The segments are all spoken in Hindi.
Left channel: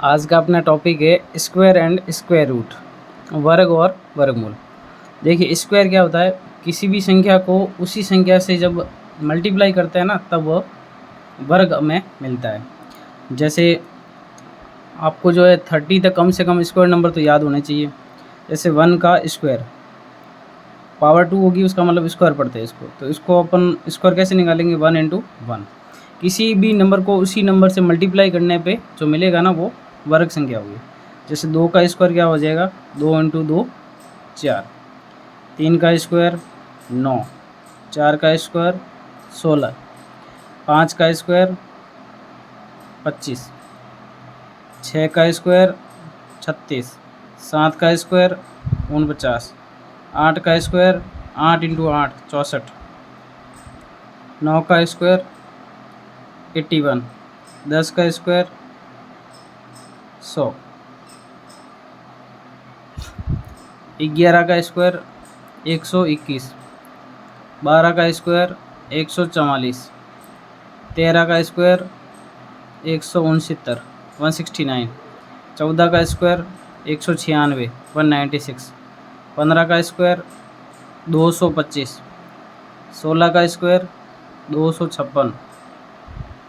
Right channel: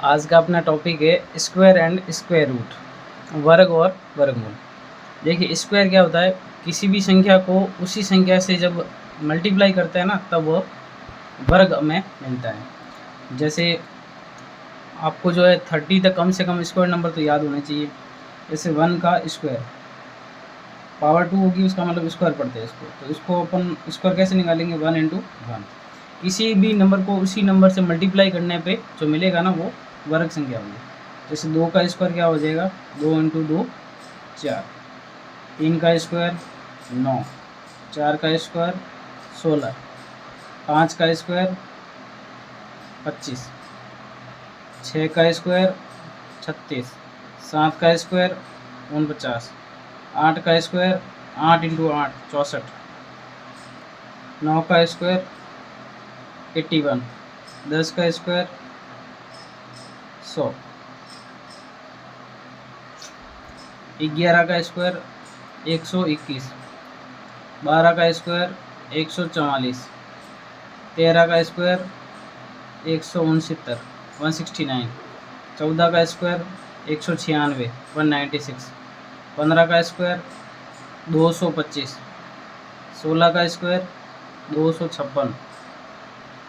आज का अपना टॉपिक है स्क्वायर एंड स्क्वायर रूट, वर्ग और वर्गमूल। देखिए स्क्वायर क्या होता है, किसी भी संख्या को उसी संख्या से जब मल्टीप्लाई करते हैं ना तब वो वर्ग में मिलता है। जैसे आपको जो है 30 तक कम से कम स्क्वायर नंबर तो याद होने चाहिए। जैसे 1 का स्क्वायर पावर 2 होगी, उसका मतलब स्क्वायर पढ़ते हैं इसको। तो इसको अपन स्क्वायर कैसे निकालेंगे, 1 इंटू 1। किसी भी नंबर को उसी नंबर से मल्टीप्लाई करने पे जो मिलेगा ना वो वर्ग संख्या होगी। जैसे 2 का स्क्वायर क्या हो जाएगा, 2 इंटू 2 4, 3 का स्क्वायर 9, 4 का स्क्वायर 16, 5 का स्क्वायर 25, 6 का स्क्वायर 36, 7 का स्क्वायर 49, 8 का स्क्वायर 8 इंटू 8 64, 9 का स्क्वायर 81, 10 का स्क्वायर 100, 11 का स्क्वायर 121, 12 का स्क्वायर 144, 13 का स्क्वायर 169 169, 14 का स्क्वायर 196 196, 15 का स्क्वायर 225, 16 का स्क्वायर 256,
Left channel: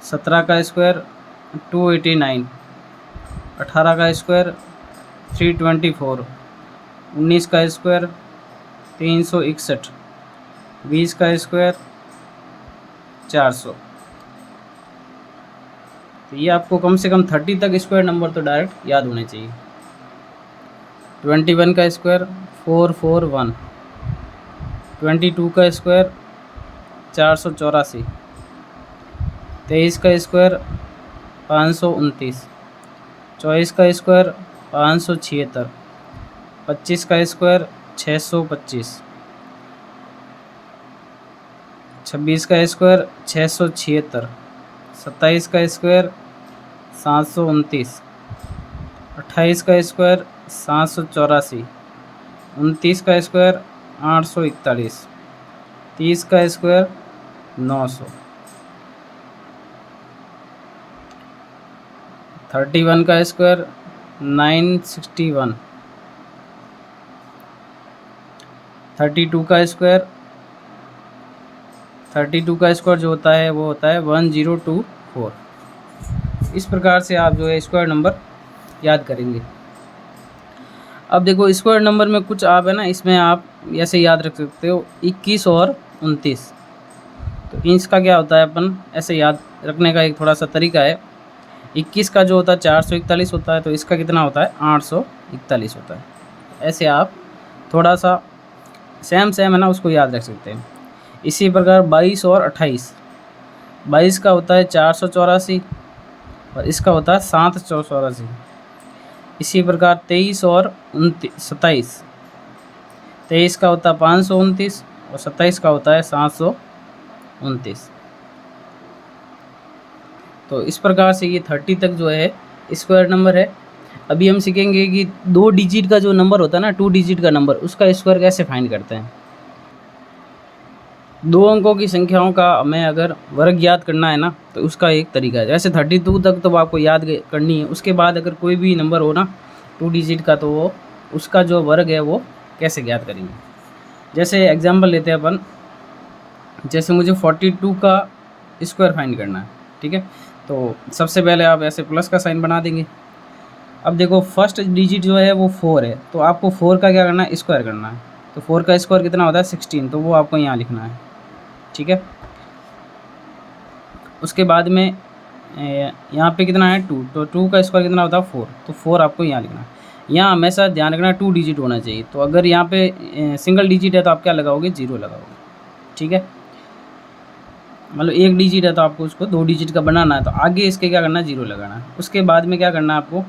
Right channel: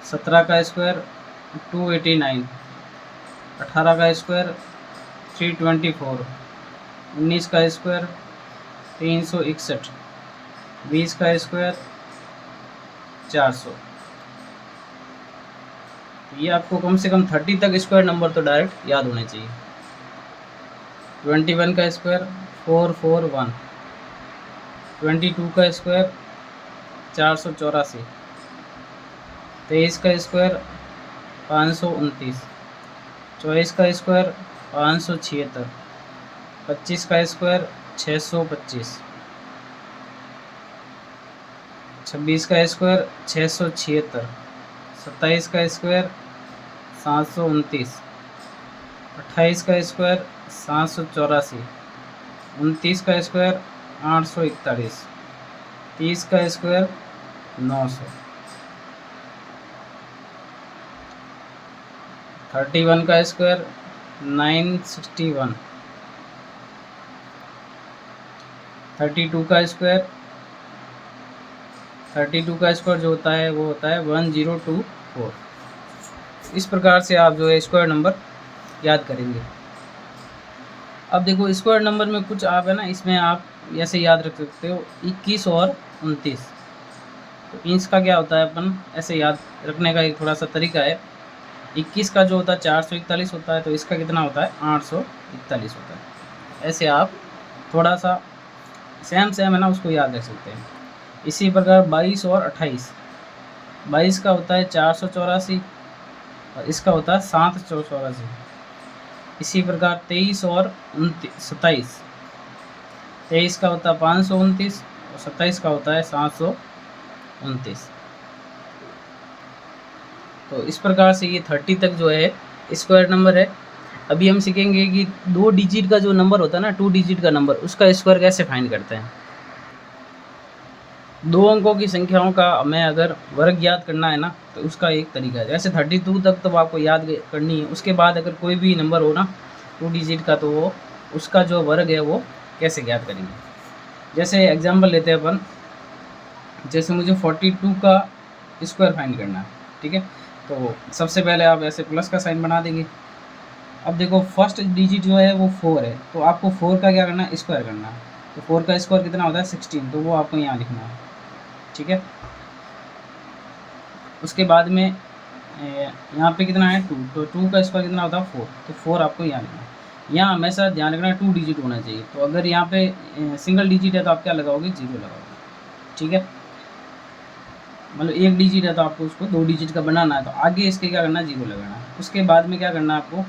17 का स्क्वायर 289, 18 का स्क्वायर 324, 19 का स्क्वायर 361, 20 का स्क्वायर 400। तो ये आपको कम से कम 30 तक स्क्वायर नंबर तो डायरेक्ट याद होने चाहिए। 21 का स्क्वायर 441, 22 का स्क्वायर 484, 23 का स्क्वायर 529, 24 का स्क्वायर 576, 25 का स्क्वायर 625, 26 का स्क्वायर 676, 27 का स्क्वायर 729, 28 का स्क्वायर 784, 29 का स्क्वायर 841, 30 का स्क्वायर 900, 31 का स्क्वायर 961, 32 का स्क्वायर जो होता है वो होता है 1024। इस प्रकार से आप जो है स्क्वायर नंबर याद करेंगे। अब देखो स्क्वायर नंबर में कुछ आप है ना, इसमें आप ऐसे याद रख सकते हो 21 और 29। तो इसका क्या होता है, अपन ऐसे याद रखने का एक थोड़ा सा तरीका है। 21 का जो होता है 441 होता है, तो इसका कितना होता है 841 होता है। ऐसे आप थोड़ा सा सेम है ना, उसको याद रख सकते हैं। इसी प्रकार 22 और 28, 22 का होता है 484 और इसका होता है 784। इसी प्रकार 23 और 27, 23 का होता है 529 और 27 का होता है 729। तो इस प्रकार से ये 30 तक जो है स्क्वायर नंबर है। अभी हम सीखेंगे कि 2 डिजिट का जो नंबर होता है ना, 2 डिजिट का नंबर, उसका स्क्वायर कैसे फाइंड करते हैं। 2 अंकों की संख्याओं का हमें अगर वर्ग याद करना है ना, तो उसका एक तरीका है। जैसे 32 तक तो आपको याद करनी है, उसके बाद अगर कोई भी नंबर हो ना 2 डिजिट का, तो वो उसका जो वर्ग है वो कैसे ज्ञात करेंगे। जैसे एग्जांपल लेते हैं अपन, जैसे मुझे 42 का स्क्वायर फाइंड करना है, ठीक है। तो सबसे पहले आप ऐसे प्लस का साइन बना देंगे। अब देखो फर्स्ट डिजिट जो है वो 4 है, तो आपको 4 का क्या करना है, स्क्वायर करना है। तो 4 का स्क्वायर कितना होता है 16, तो वो आपको यहाँ लिखना है, ठीक है। उसके बाद में यहाँ पे कितना है 2, तो 2 का स्क्वायर कितना होता है 4, तो 4 आपको यहाँ लिखना है। यहाँ हमेशा ध्यान रखना 2 डिजिट होना चाहिए। तो अगर यहाँ पे सिंगल डिजिट है तो आप क्या लगाओगे, 0 लगाओगे, ठीक है। मतलब 1 डिजिट है तो आपको उसको 2 डिजिट का बनाना है, तो आगे इसके क्या करना है, 0 लगाना है। उसके बाद में क्या करना है, आपको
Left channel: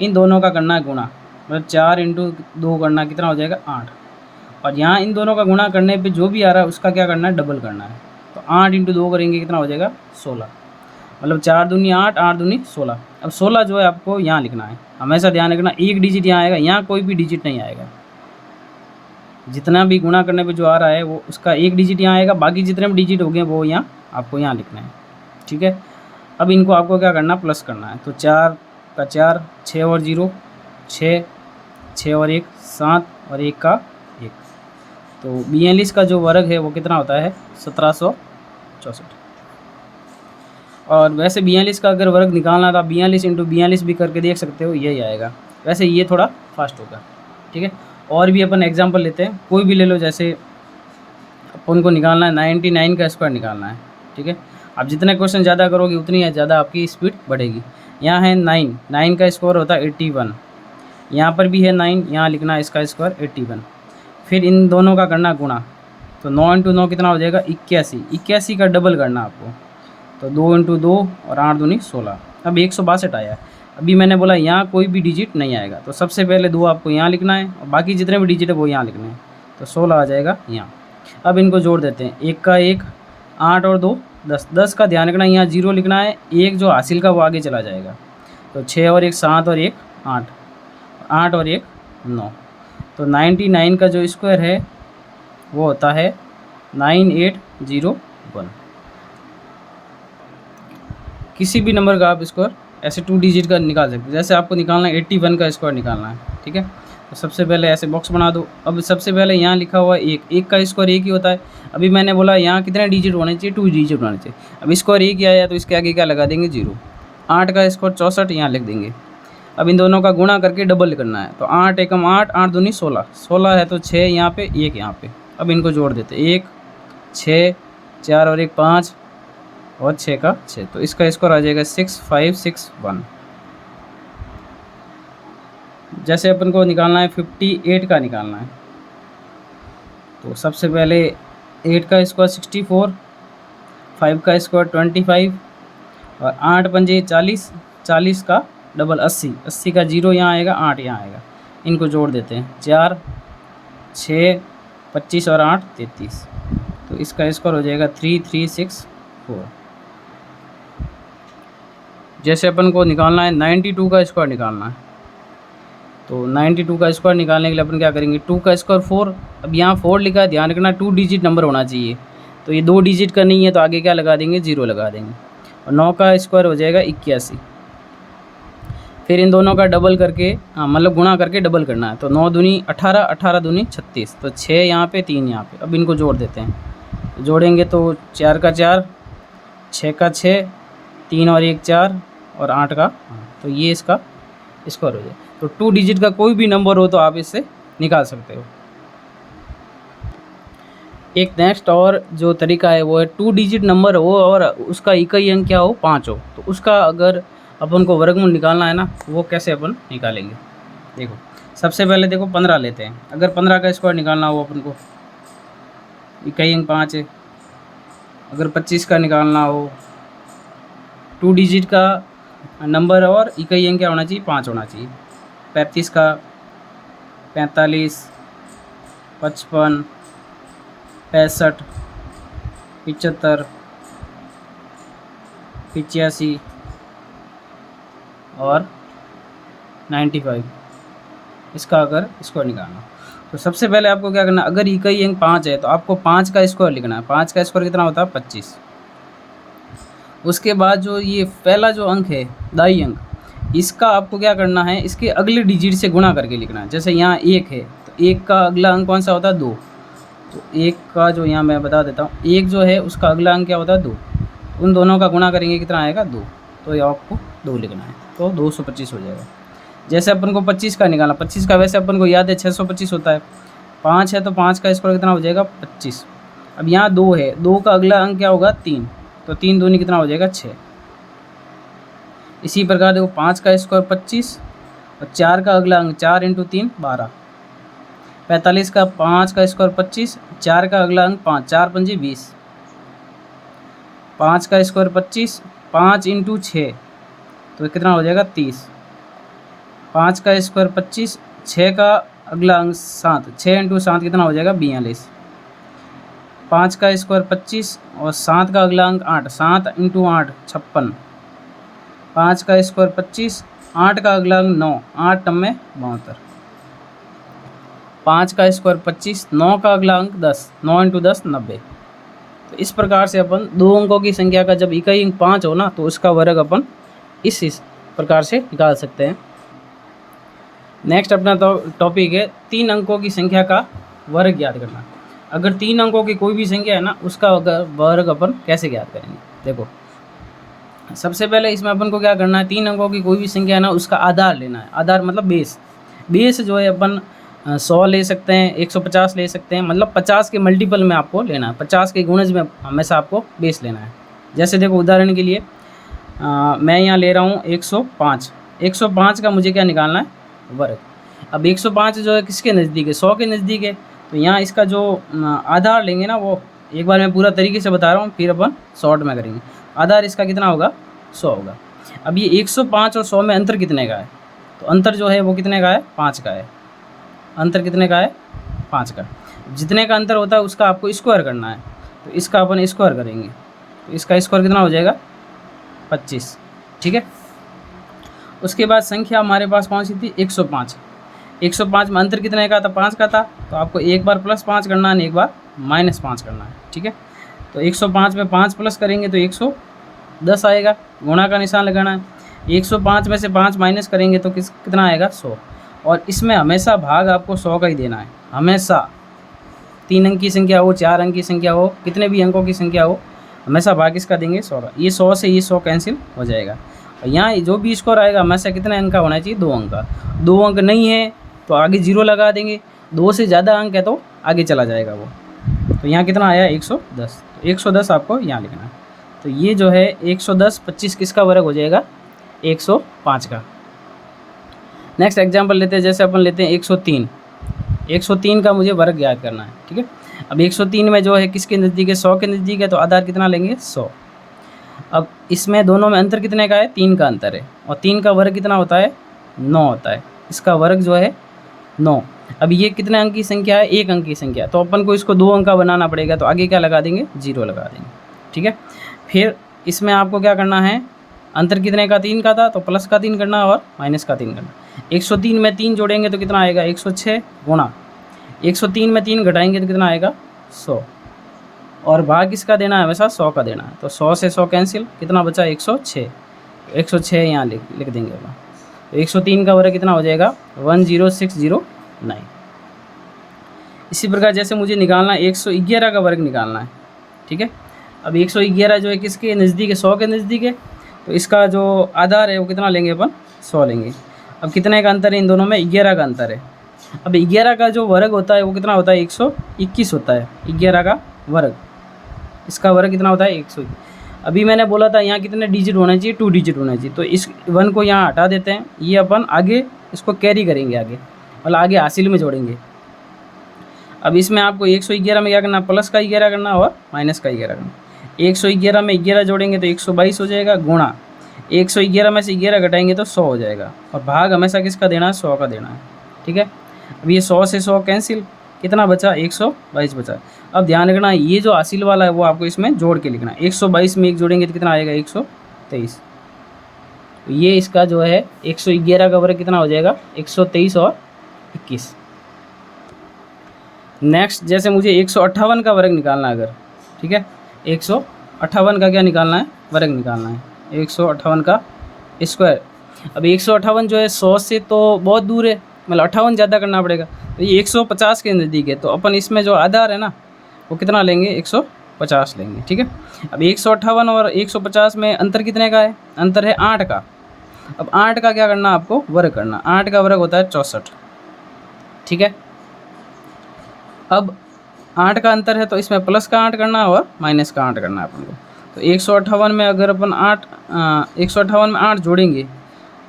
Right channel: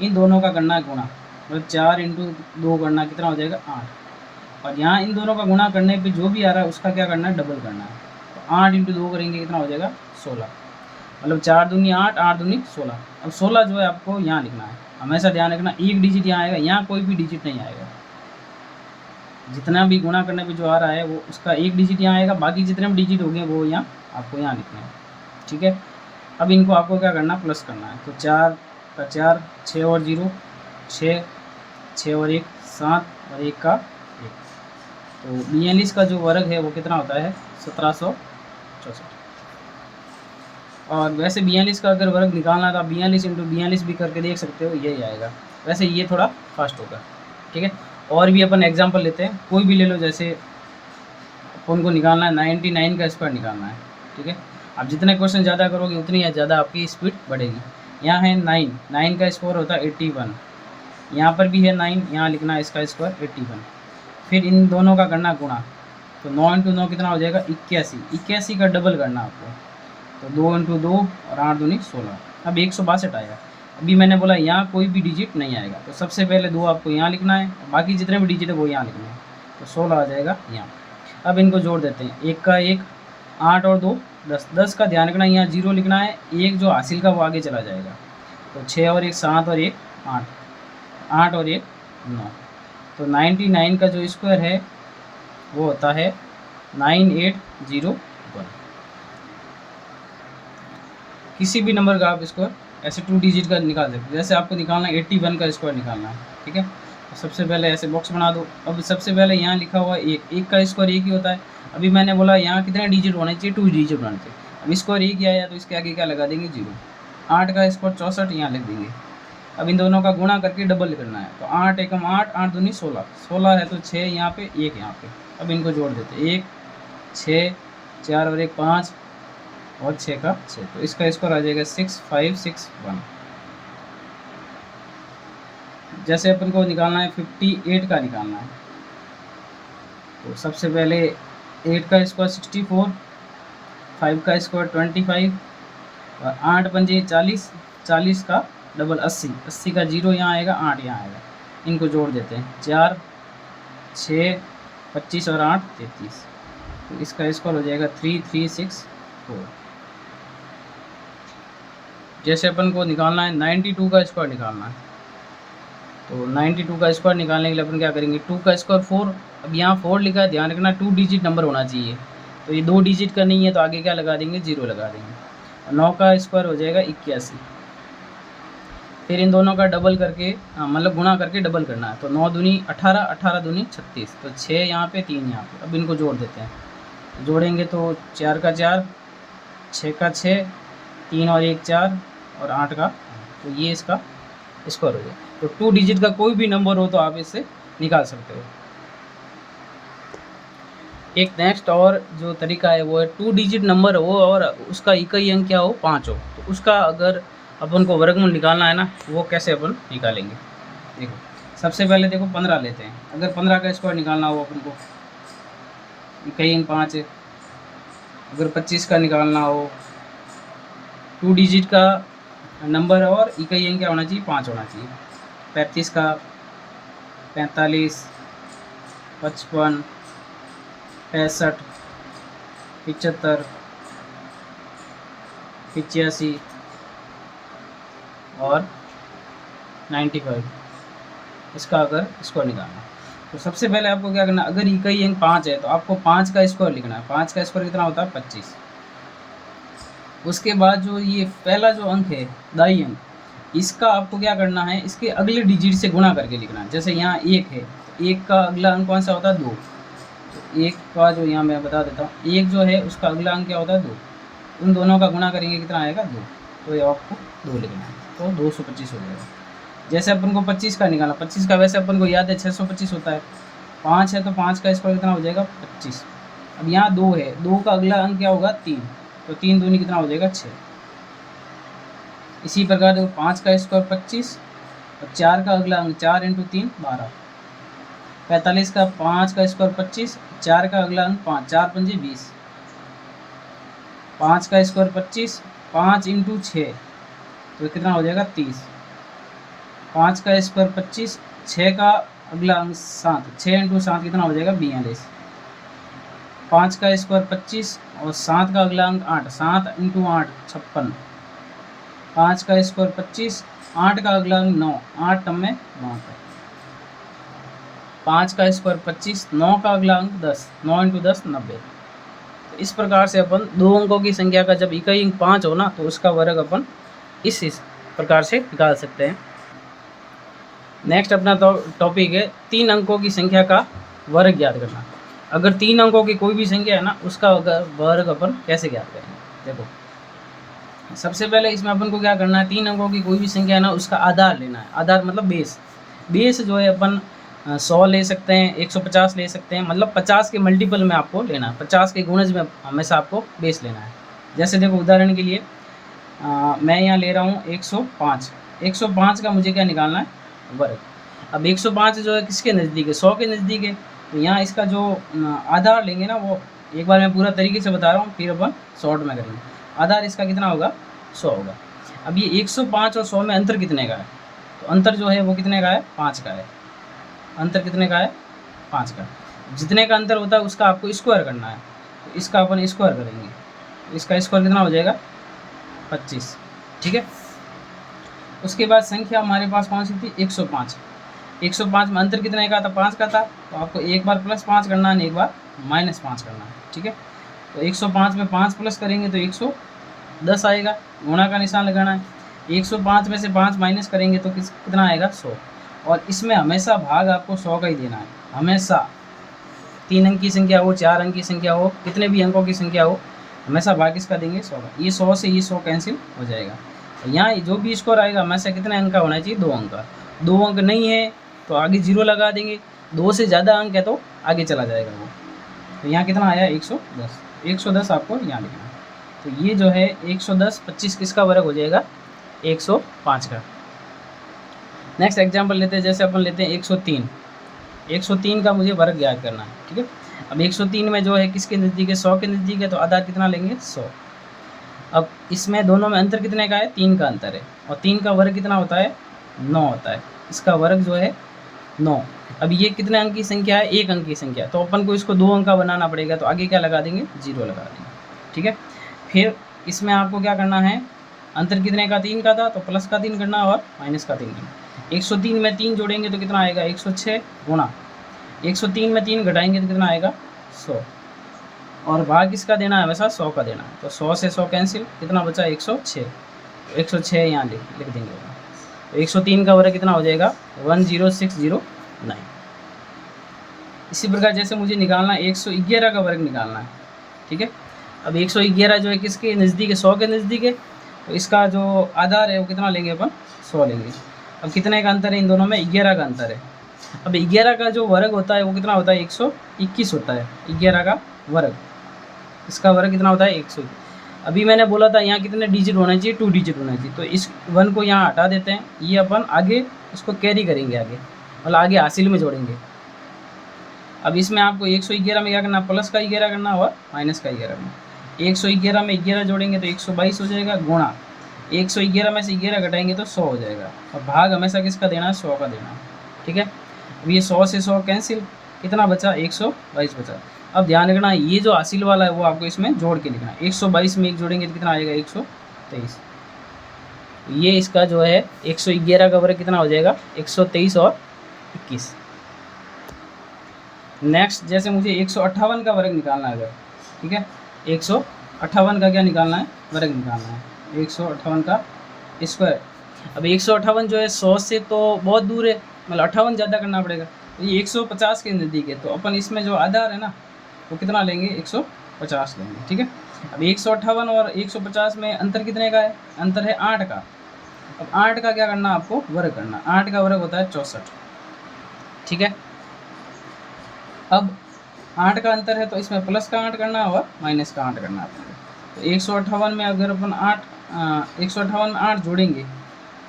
इन दोनों का करना है गुणा, मतलब 4 इंटू 2 करना, कितना हो जाएगा 8। और यहाँ इन दोनों का गुणा करने पे जो भी आ रहा है उसका क्या करना है, डबल करना है। तो 8 इंटू 2 करेंगे, कितना हो जाएगा 16। मतलब 4 दूनी 8, 8 दूनी 16। अब 16 जो है आपको यहाँ लिखना है। हमेशा ध्यान रखना 1 डिजिट यहाँ आएगा, यहाँ कोई भी डिजिट नहीं आएगा। जितना भी गुणा करने पे जो आ रहा है वो उसका 1 डिजिट यहाँ आएगा, बाकी जितने भी डिजिट हो गए वो यहाँ आपको यहाँ लिखना है, ठीक है। अब इनको आपको क्या करना, प्लस करना है। तो 4 का 4, 6 और 0 6, 6 और 1 7 और 1 का 1। तो 42 का जो वर्ग है वो कितना होता है 1764। और वैसे 42 का अगर वर्ग निकालना था 42 इंटू 42 भी करके देख सकते हो, यही आएगा। वैसे ये थोड़ा फास्ट होगा, ठीक है। और भी अपन एग्जांपल लेते हैं, कोई भी ले लो। जैसे अपन को निकालना है 99 का स्क्वायर निकालना है, ठीक है। आप जितने क्वेश्चन ज़्यादा करोगे उतनी ज़्यादा आपकी स्पीड बढ़ेगी। यहाँ है 9 का स्क्वायर होता है 81, यहाँ पर भी है 9, यहाँ लिखना है इसका स्क्वायर 81। फिर इन दोनों का करना गुणा, तो 9 इंटू 9 कितना हो जाएगा 81। 81 का डबल करना आपको, तो 2 इंटू 2 और 8 दूनी 16। अब 162 आया। अभी मैंने बोला यहाँ कोई भी डिजिट नहीं आएगा, तो सबसे पहले 2 आपको यहाँ लिखना है और बाकी जितने भी डिजिट है वो यहाँ लिखने हैं, तो 16 आ जाएगा यहाँ। अब इनको जोड़ देते हैं, 1 का 1 8 और 2 10। 10 का ध्यान रखना यहाँ 0 लिखना है, 1 जो हासिल का वो आगे चला जाएगा। तो 6 और 1 7 और 1 8, 8 और 1 9। तो 99 का जो स्क्वायर है वो होता है 9801। किसी भी नंबर का आप स्क्वायर ऐसे 2 डिजिट का निकाल सकते हो। जैसे आपको निकालना है 81 का स्क्वायर निकालना है, ठीक है। तो सबसे पहले ऐसे बॉक्स बना दो। अब सबसे पहले यहाँ लिखा हुआ है 1 का स्क्वायर 1 ही होता है। अभी मैंने बोला यहाँ कितने डिजिट होने चाहिए 2 डिजिट होने चाहिए। अब स्क्वायर 1 ही आया तो इसके आगे क्या लगा देंगे 0। 8 का स्क्वायर 64 यहाँ लिख देंगे। अब इन दोनों का गुणा करके डबल करना है, तो 8 एकम 8 8 दूनी 16, 16 है तो 6 यहाँ पे 1 यहाँ पे। अब इनको जोड़ देते 1 6 4 और 1 5 और 6 का 6, तो इसका स्कोर आ जाएगा 6561। जैसे अपन को निकालना है 58 का निकालना है, तो सबसे पहले 8 का स्क्वायर 64, 5 का स्क्वायर 25 और 8 पंजे 40, 40 का डबल 80, 80 का 0 यहाँ आएगा 8 यहाँ आएगा। इनको जोड़ देते हैं 4 6 25 और 8 33, तो इसका स्कोर हो जाएगा 3364। जैसे अपन को निकालना है 92 का स्क्वायर निकालना है, तो 92 का स्क्वायर निकालने के लिए अपन क्या करेंगे 2 का स्क्वायर 4। अब यहाँ 4 लिखा है, ध्यान रखना 2 डिजिट नंबर होना चाहिए, तो ये 2 डिजिट का नहीं है तो आगे क्या लगा देंगे 0 लगा देंगे। और 9 का स्क्वायर हो जाएगा 81। फिर इन दोनों का डबल करके मतलब गुणा करके डबल करना है, तो 9 दूनी 18, 18 दूनी 36, तो 6 यहाँ पे 3 यहाँ पे। अब इनको जोड़ देते हैं, जोड़ेंगे तो 4 का 4, 6 का 6, 3 और 1 4 और 8 का, तो ये इसका स्क्वायर हो जाए। तो 2 डिजिट का कोई भी नंबर हो तो आप इससे निकाल सकते हो। एक नेक्स्ट और जो तरीका है वो है 2 डिजिट नंबर हो और उसका इकाई अंक क्या हो 5 हो, तो उसका अगर अपन को वर्गमूल निकालना है ना, वो कैसे अपन निकालेंगे। देखो सबसे पहले देखो 15 लेते हैं। अगर 15 का स्क्वायर निकालना हो अपन को, इकाई अंक 5 है। अगर 25 का निकालना हो, 2 डिजिट का नंबर और इकाई अंक क्या होना चाहिए 5 होना चाहिए। 35 का 45, 55, 65, 75, 85 और 95, इसका अगर स्क्वायर निकालना, तो सबसे पहले आपको क्या करना, अगर इकाई अंक 5 है तो आपको 5 का स्क्वायर लिखना है। 5 का स्क्वायर कितना होता है 25। उसके बाद जो ये पहला जो अंक है दाई अंक, इसका आपको क्या करना है, इसके अगले डिजिट से गुणा करके लिखना है। जैसे यहाँ 1 है तो 1 का अगला अंक कौन सा होता है 2, तो 1 का जो यहाँ मैं बता देता हूँ, 1 जो है उसका अगला अंक क्या होता है 2, उन दोनों का गुणा करेंगे कितना आएगा 2, तो ये आपको 2 लिखना है, तो 225 हो जाएगा। जैसे अपन को 25 का निकालना, 25 का वैसे अपन को याद है 625 होता है। 5 है तो 5 का स्क्वायर कितना हो जाएगा 25। अब यहाँ 2 है, 2 का अगला अंक क्या होगा 3, तो 3 दूनी कितना हो जाएगा 6। इसी प्रकार देखो 5 का स्क्वायर 25 और 4 का अगला अंक 4 इंटू 3 12। 45 का 5 का स्क्वायर 25, 4 का अगला अंक 5, 4 पंजे 20। 5 का स्क्वायर 25, 5 इंटू 6 तो कितना हो जाएगा 30। 5 का स्क्वायर 25, 6 का अगला अंक 7, 6 इंटू 7 कितना हो जाएगा 42। 5 का स्क्वायर 25 और 7 का अगला अंक 8, 7 इंटू 8 56। 5 का स्क्वायर 25, 8 का अगला अंक 9, 8 में 72। 5 का स्क्वायर 25, 9 का अगला अंक 10, 9 इंटू 10 90। तो इस प्रकार से अपन 2 अंकों की संख्या का जब इकाई अंक 5 हो ना, तो उसका वर्ग अपन इस प्रकार से निकाल सकते हैं। नेक्स्ट अपना टॉपिक है 3 अंकों की संख्या का वर्ग ज्ञात करना। अगर 3 अंकों की कोई भी संख्या है ना, उसका वर्ग अपन कैसे ज्ञात करेंगे। देखो सबसे पहले इसमें अपन को क्या करना है, 3 अंकों की कोई भी संख्या है ना, उसका आधार लेना है। आधार मतलब बेस। बेस जो है अपन 100 ले सकते हैं, 150 ले सकते हैं, मतलब 50 के मल्टीपल में आपको लेना है, 50 के गुणज में हमेशा आपको बेस लेना है। जैसे देखो उदाहरण के लिए मैं यहाँ ले रहा हूँ 105। 105 का मुझे क्या निकालना है, वर्ग। अब 105 जो है किसके नज़दीक है, 100 के नज़दीक है। तो यहाँ इसका जो आधार लेंगे ना, वो एक बार मैं पूरा तरीके से बता रहा हूँ, फिर अपन शॉर्ट में करेंगे। आधार इसका कितना होगा, 100 होगा। अब ये 105 और 100 में अंतर कितने का है, तो अंतर जो है वो कितने का है, 5 का है। अंतर कितने का है, 5 का। जितने का अंतर होता है उसका आपको स्क्वायर करना है, तो इसका अपन स्क्वायर करेंगे। तो इसका स्क्वायर कितना हो जाएगा, 25। ठीक है। उसके बाद संख्या हमारे पास कौन सी थी, 105। 105 में अंतर कितने का था, 5 का था। तो आपको एक बार +5 करना है, एक बार -5 करना है। ठीक है। तो 105 में 5 प्लस करेंगे तो 110 आएगा, गुणा का निशान लगाना है। 105 में से 5 माइनस करेंगे तो कितना आएगा, 100। और इसमें हमेशा भाग आपको 100 का ही देना है, हमेशा। 3 अंक की संख्या हो, 4 अंक की संख्या हो, कितने भी अंकों की संख्या हो, हमेशा भाग इसका देंगे 100 का। ये 100 से ये 100 कैंसिल हो जाएगा। और यहाँ जो भी स्कोर आएगा हमेशा कितने अंक का होना चाहिए, 2 अंक का। 2 अंक नहीं है तो आगे 0 लगा देंगे, 2 से ज़्यादा अंक है तो आगे चला जाएगा वो। तो यहाँ कितना आया, 110। 110 आपको यहाँ लिखना है। तो ये जो है 110, 25 किसका वर्ग हो जाएगा, 105 का। नेक्स्ट एग्जाम्पल लेते हैं, जैसे अपन लेते हैं 103। 103 का मुझे वर्ग ज्ञात करना है। ठीक है। अब 103 में जो है किसके नज़दीक है, 100 के नज़दीक है, तो आधार कितना लेंगे, 100। अब इसमें दोनों में अंतर कितने का है, 3 का अंतर है। और 3 का वर्ग कितना होता है, 9 होता है। इसका वर्ग जो है 9। अब ये कितने अंक की संख्या है, 1 अंक की संख्या, तो अपन को इसको 2 अंक का बनाना पड़ेगा। तो आगे क्या लगा देंगे, 0 लगा देंगे। ठीक है। फिर इसमें आपको क्या करना है, अंतर कितने का, 3 का था, तो प्लस का 3 करना और माइनस का 3 करना। 103 में 3 जोड़ेंगे तो कितना आएगा, 106 गुणा 103 में 3 घटाएंगे तो कितना आएगा, 100। और भाग किसका देना है, हमेशा 100 का देना है। तो 100 से 100 कैंसिल, कितना बचा, 106। 106 यहाँ लिख देंगे। तो 103 का वर्ग कितना हो जाएगा, 10609। इसी प्रकार जैसे मुझे निकालना है 111 का वर्ग निकालना है। ठीक है। अब 111 जो है किसके नज़दीक है, 100 के नज़दीक है। तो इसका जो आधार है वो कितना लेंगे अपन, 100 लेंगे। अब कितने का अंतर है इन दोनों में, 11 का अंतर है। अब 11 का जो वर्ग होता है वो कितना होता है, 121 होता है। 11 का वर्ग, इसका वर्ग कितना होता है, 100। अभी मैंने बोला था यहाँ कितने डिजिट होना चाहिए, 2 डिजिट होना चाहिए। तो इस 1 को यहाँ हटा देते हैं, ये अपन आगे इसको कैरी करेंगे, आगे मतलब आगे हासिल में जोड़ेंगे। अब इसमें आपको 111 में क्या करना, प्लस का 11 करना और माइनस का 11 करना। 111 में 11 जोड़ेंगे तो 122 हो जाएगा, गुणा 111 में से 11 घटाएंगे तो 100 हो जाएगा। और भाग हमेशा किसका देना है, 100 का देना है। ठीक है। अब ये 100 से 100 कैंसिल, कितना बचा, 122 बचा। अब ध्यान रखना ये जो हासिल वाला है वो आपको इसमें जोड़ के लिखना है। 122 में 1 जोड़ेंगे तो कितना आएगा, 123। ये इसका जो है 111 का वर्ग कितना हो जाएगा, 123 और 21। नेक्स्ट जैसे मुझे 158 का वर्ग निकालना है अगर, ठीक है, 158 का क्या निकालना है, वर्ग निकालना है, 158 का स्क्वायर। अब 158 जो है 100 से तो बहुत दूर है, मतलब 58 ज़्यादा करना पड़ेगा। तो ये 150 के नज़दीक है, तो अपन इसमें जो आधार है ना वो कितना लेंगे, 150 लेंगे। ठीक है। अब 158 और 150 में अंतर कितने का है, अंतर है 8 का। अब 8 का क्या करना, आपको वर्ग करना। 8 का वर्ग होता है 64। ठीक है। अब 8 का अंतर है तो इसमें प्लस का 8 करना और माइनस का 8 करना है अपन को। तो 158 में अगर अपन 158 में 8 जोड़ेंगे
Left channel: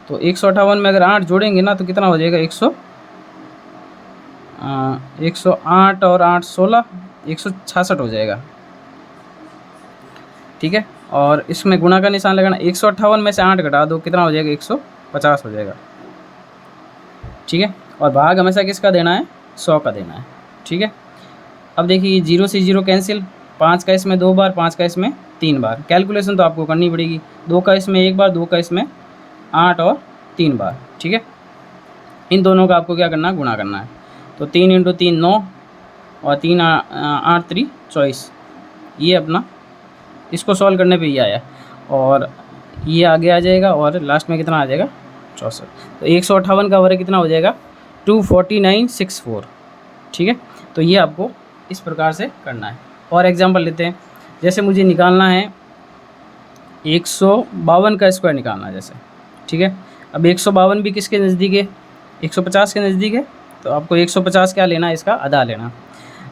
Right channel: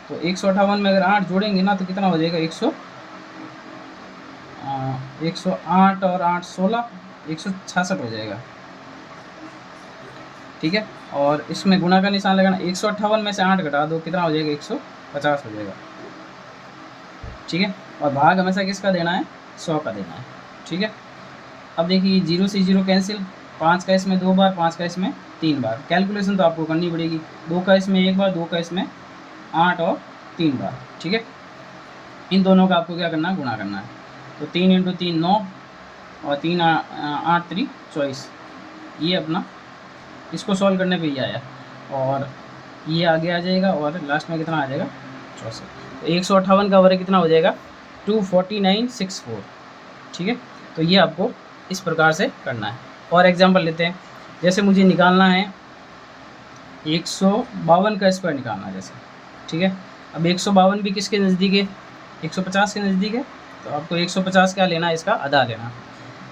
तो 158 में अगर 8 जोड़ेंगे ना तो कितना हो जाएगा, 108 और 8 16, 166 हो जाएगा। ठीक है। और इसमें गुणा का निशान लगाना। 158 में से 8 घटा दो, कितना हो जाएगा, 150 हो जाएगा। ठीक है। और भाग हमेशा किसका देना है, 100 का देना है। ठीक है। अब देखिए 0 से 0 कैंसिल, 5 का इसमें 2 बार, 5 का इसमें 3 बार। कैलकुलेशन तो आपको करनी पड़ेगी, 2 का इसमें 1 बार, 2 का इसमें 8 और 3 बार। ठीक है। इन दोनों का आपको क्या करना है, गुणा करना है। तो 3 × 3 9 और 3 8 3 24। ये अपना इसको सॉल्व करने पे ही आया। और ये आगे आ जाएगा और लास्ट में कितना आ जाएगा 64। तो 158 का वर्ग कितना हो जाएगा 24964। ठीक है, तो ये आपको इस प्रकार से करना है। और एग्जांपल लेते हैं, जैसे मुझे निकालना है 152 का स्क्वायर निकालना है जैसे। ठीक है, अब 152 भी किसके नज़दीक है 150 के नज़दीक है, तो आपको 150 क्या लेना है, इसका आधा लेना।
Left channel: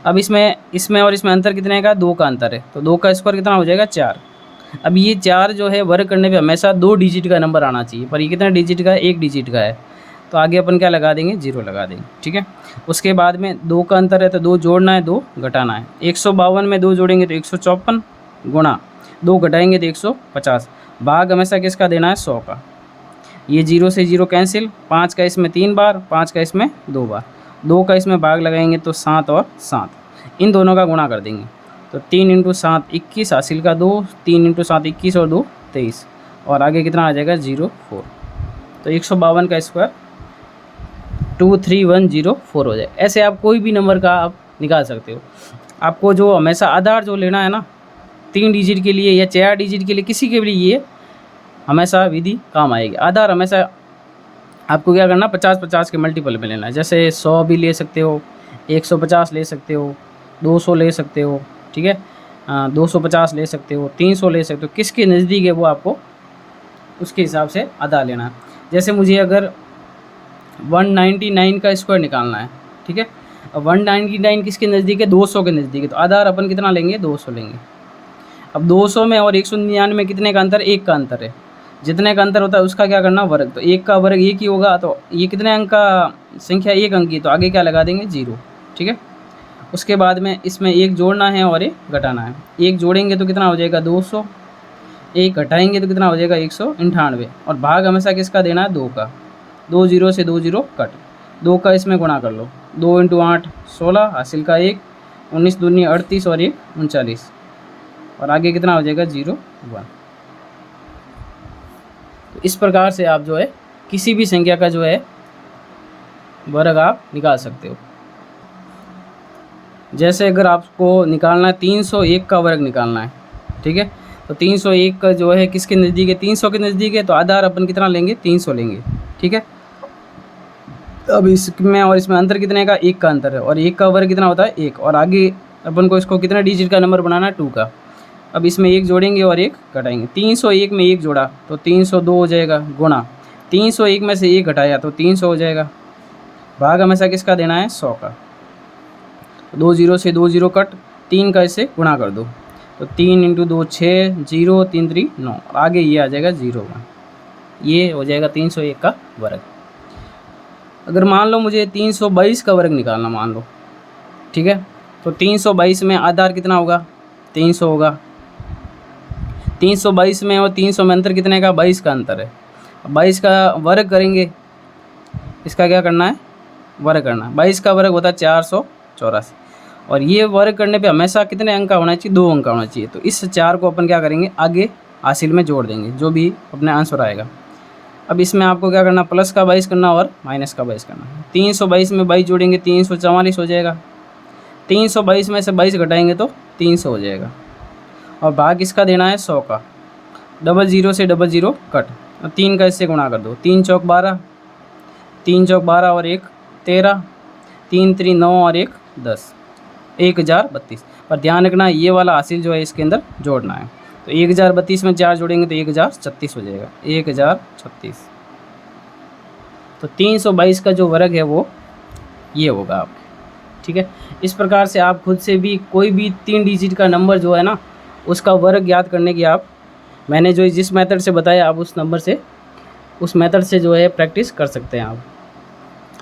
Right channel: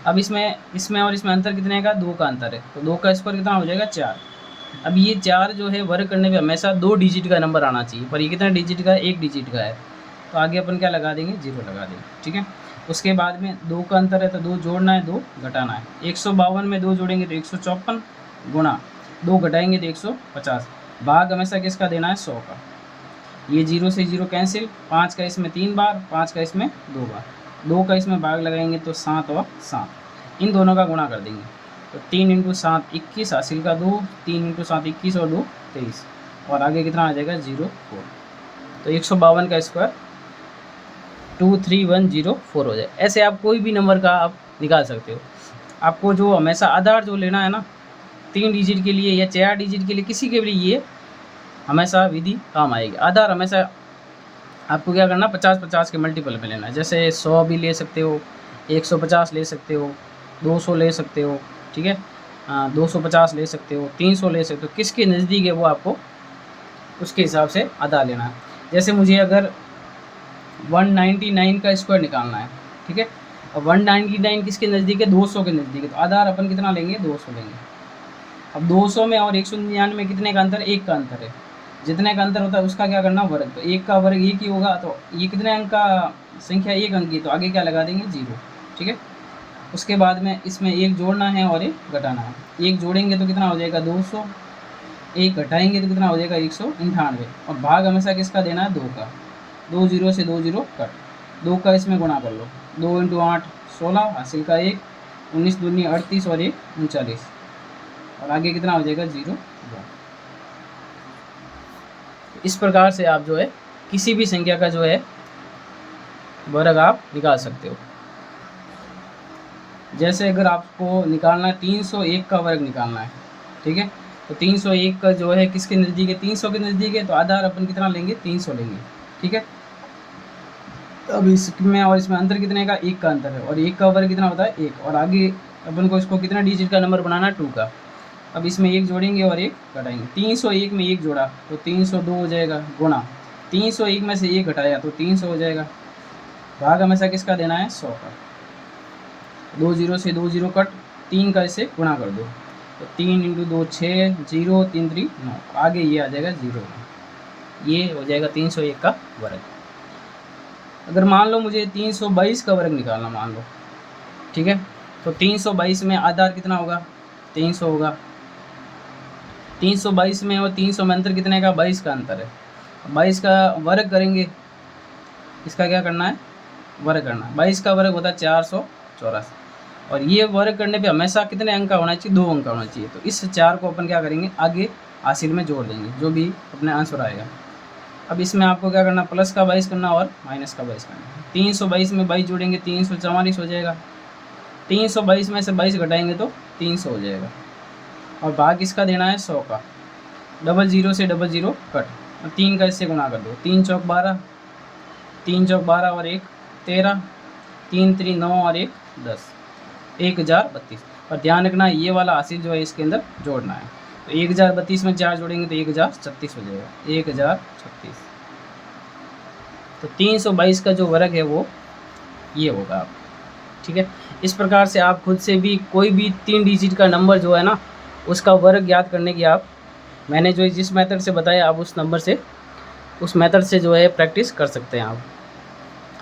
अब इसमें और इसमें अंतर कितने का 2 का अंतर है, तो 2 का स्क्वायर कितना हो जाएगा 4। अब ये 4 जो है वर्ग करने पे हमेशा 2 डिजिट का नंबर आना चाहिए, पर ये कितने डिजिट का है 1 डिजिट का है, तो आगे अपन क्या लगा देंगे 0 लगा देंगे। ठीक है, उसके बाद में 2 का अंतर है तो 2 जोड़ना है 2 घटाना है। 152 में 2 जोड़ेंगे तो 154 गुणा 2 घटाएंगे तो 150। भाग हमेशा किसका देना है 100 का। ये 0 से 0 कैंसिल, 5 का इसमें 3 बार, 5 का इसमें 2 बार, 2 का इसमें भाग लगाएंगे तो 7 और 7, इन दोनों का गुणा कर देंगे तो 3 × 7 21, हासिल का 2, 3 × 7 21 और 2 23, और आगे कितना आ जाएगा 0 4। तो 152 का स्क्वायर 23104 हो जाए। ऐसे आप कोई भी नंबर का आप निकाल सकते हो। आपको जो हमेशा आधार जो लेना है ना 3 डिजिट के लिए या 4 डिजिट के लिए, किसी के लिए ये हमेशा विधि काम आएगी। आधार हमेशा आपको क्या करना 50-50 के मल्टीपल में लेना है। जैसे 100 भी ले सकते हो, 150 ले सकते हो, 200 ले सकते हो। ठीक है, 250 ले सकते हो, 300 ले सकते हो, किसके नज़दीक है वो आपको उसके हिसाब से आधार लेना है। जैसे मुझे अगर 199 का स्क्वायर निकालना है, ठीक है, अब 199 किसके नज़दीक है 200 के नज़दीक है, तो आधार अपन कितना लेंगे 200 लेंगे। अब 200 में और 199 में कितने का अंतर, 1 का अंतर है। जितने का अंतर होता है उसका क्या करना वर्ग, तो 1 का वर्ग 1 ही होगा, तो ये कितने अंक का संख्या 1 अंक की, तो आगे क्या लगा देंगे 0। ठीक है, उसके बाद में इसमें 1 जोड़ना है और 1 घटाना है। 1 जोड़ेंगे तो कितना हो जाएगा 200, 1 घटाएंगे तो कितना हो जाएगा 198, और भाग हमेशा किसका देना है 2 का। 2 0 से 2 0 कट, 2 का इसमें गुणा कर लो, 2 × 8 16, हासिल का 1, 19 दूनी 38 और 1 39, और आगे कितना हो जाएगा 0 1। इस प्रकार से आप जो है किसी भी संख्या का जो है वर्ग आप निकाल सकते हो। जैसे अगर आपको निकालना है 301 का वर्ग निकालना है, ठीक है, तो 301 का जो है किसके नज़दीक है 300 के नज़दीक है, तो आधार अपन कितना लेंगे 300 लेंगे। ठीक है, अब इसमें और इसमें अंतर कितने का 1 का अंतर है, और 1 का वर्ग कितना होता है 1, और आगे अपन को इसको कितना डिजिट का नंबर बनाना है 2 का। अब इसमें 1 जोड़ेंगे और 1 घटाएंगे। 301 में 1 जोड़ा तो 302 हो जाएगा, गुणा 301 में से 1 घटाया तो 300 हो जाएगा। भाग हमेशा किसका देना है 100 का। 2 0 से 2 0 कट, 3 का इससे गुणा कर दो तो 3 × 2 6, 0 3 3 9, आगे ये आ जाएगा 0 1। ये हो जाएगा 301 का वर्ग। अगर मान लो मुझे 322 का वर्ग निकालना मान लो, ठीक है, तो 322 में आधार कितना होगा 300 होगा। 322 में और 300 में अंतर कितने का 22 का अंतर है। 22 का वर्ग करेंगे, इसका क्या करना है वर्ग करना है। 22 का वर्ग होता है 484, और ये वर्ग करने पे हमेशा कितने अंक का होना चाहिए 2 अंक का होना चाहिए। तो इस 4 को अपन क्या करेंगे आगे हासिल में जोड़ देंगे, जो भी अपने आंसर आएगा। अब इसमें आपको क्या करना प्लस का 22 करना और माइनस का 22 करना। 322 में 22 जोड़ेंगे 344 हो जाएगा। 322 में से 22 घटाएंगे तो 300 हो जाएगा, और भाग इसका देना है 100 का। 00 से 00 कट, और 3 का इससे गुणा कर दो, 3 चौक 12, 3 चौक 12 और 1 13, 3 3 9 और 1 10, 1032। पर ध्यान रखना ये वाला हासिल जो है इसके अंदर जोड़ना है। तो 1032 में 4 जोड़ेंगे तो 1036 हो जाएगा, 1036। तो 322 का जो वर्ग है वो ये होगा आप। ठीक है, इस प्रकार से आप खुद से भी कोई भी 3 डिजिट का नंबर जो है ना उसका वर्ग याद करने की आप मैंने जो जिस मेथड से बताया आप उस मेथड से जो है प्रैक्टिस कर सकते हैं आप।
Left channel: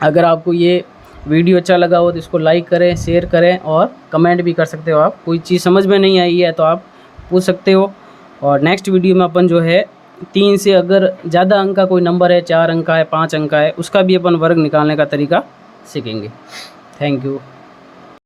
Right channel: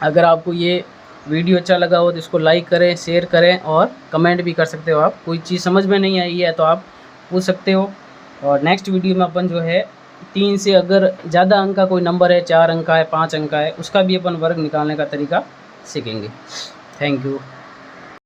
अगर आपको ये वीडियो अच्छा लगा हो तो इसको लाइक करें, शेयर करें, और कमेंट भी कर सकते हो आप। कोई चीज़ समझ में नहीं आई है तो आप पूछ सकते हो। और नेक्स्ट वीडियो में अपन जो है 3 से अगर ज़्यादा अंक का कोई नंबर है, 4 अंक का है, 5 अंक का है, उसका भी अपन वर्ग निकालने का तरीका सीखेंगे। Thank you.